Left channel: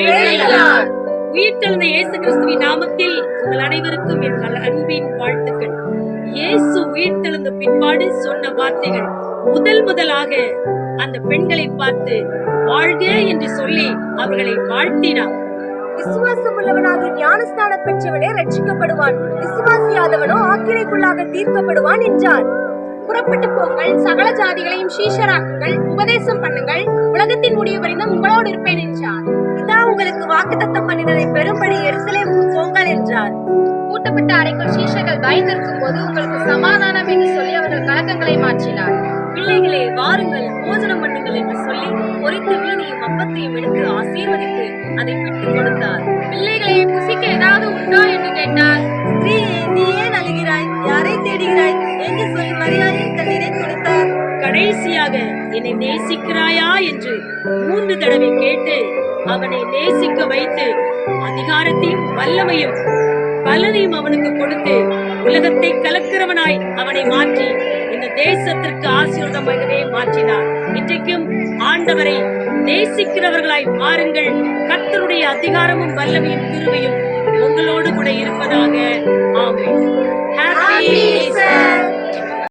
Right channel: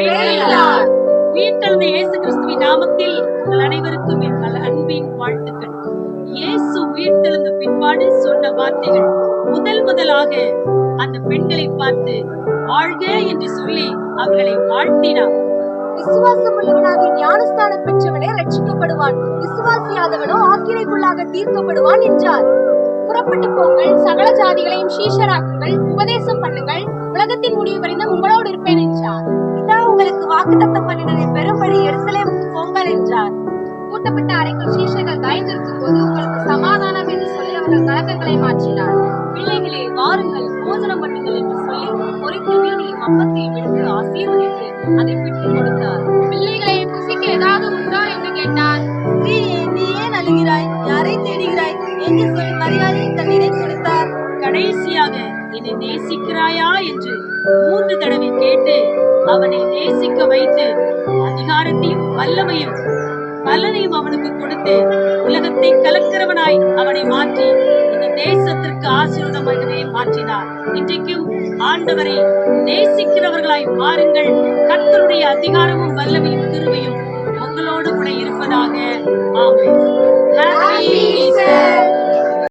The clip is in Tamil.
உயிர்த்தெழுந்த இயேசு கிறிஸ்துவின் நாமத்தில் உங்கள் அனைவருக்கும் எங்கள் அன்பின் வாழ்த்துக்கள். இயேசு உயிர்த்தெழுந்த பின்பாடு சொன்ன வார்த்தைகள் முதலாக அந்த பெண்களை பார்த்து வாழ்க என்று சொல்லி அவர்களை வாழ்த்தினார். விசுவாசம் உள்ளவனாக ஞானஸ்தானம் பெற்றவனே ரட்சிக்கப்படுவான், விசுவாசியாதவனோ ஆக்கினைக்குள்ளாக தீர்க்கப்படுவான் என்றார். புறப்பட்டு போங்கள், சகல ஜாதிகளையும் சீஷராக்குங்கள், உபதேசம் பண்ணுங்கள், உலகத்தின் முடிவு வரைந்தும் உங்களோடு இருப்பேன் என்றார். இதா உங்களுக்கு வாக்குத்தத்தம் பண்ணினதை பெரும்படி எருசலேமுக்கு போங்கள் என்றார். கூட்டப்பட்ட அறைக்குள் சீஷர்கள் பயந்திருக்கும் போது உங்களுக்கு சமாதானம் என்று சொல்லி அவர்கள் கலக்கங்களை மாற்றினார். பிள்ளைகளே வாருங்கள், போஜனம் பண்ணுங்கள் என்று சொல்லி பொரித்த மீனையும் அப்பத்தையும் எடுத்து ஆசீர்வதித்து அதை பிட்டுக் கொடுத்தார். பிள்ளைகளை புசிக்க ஏதாவது உண்டோ என்று கேட்டார். நீ ஏன் அழுகிறாய், யாரை தேடுகிறாய் என்று சொல்லி மரியாதை தண்ணீரை கொடுத்தார். கடைசியாக என்னை நேசிக்கிறாயா என்று 3 தடவை கேட்டு அவனை நேசிக்க வைத்து அதிகாரத்தையும் வல்லமையும் பலனையும் அவனுக்கு கொடுத்து உலகத்தை கலக்கிறவனாய் அவனை மாற்றி இந்த தேசத்திற்கு ஆசீர்வாதமாகவே மாற்றினார். இன்றைக்கும் ஆண்டவரை நேசிக்கிறவர்களாய் மாறுங்கள். கர்த்தருடைய அதிகாரமும் வல்லமையும் கிருபையும் உங்களோடு கூட இருப்பதாக. ஆமென்.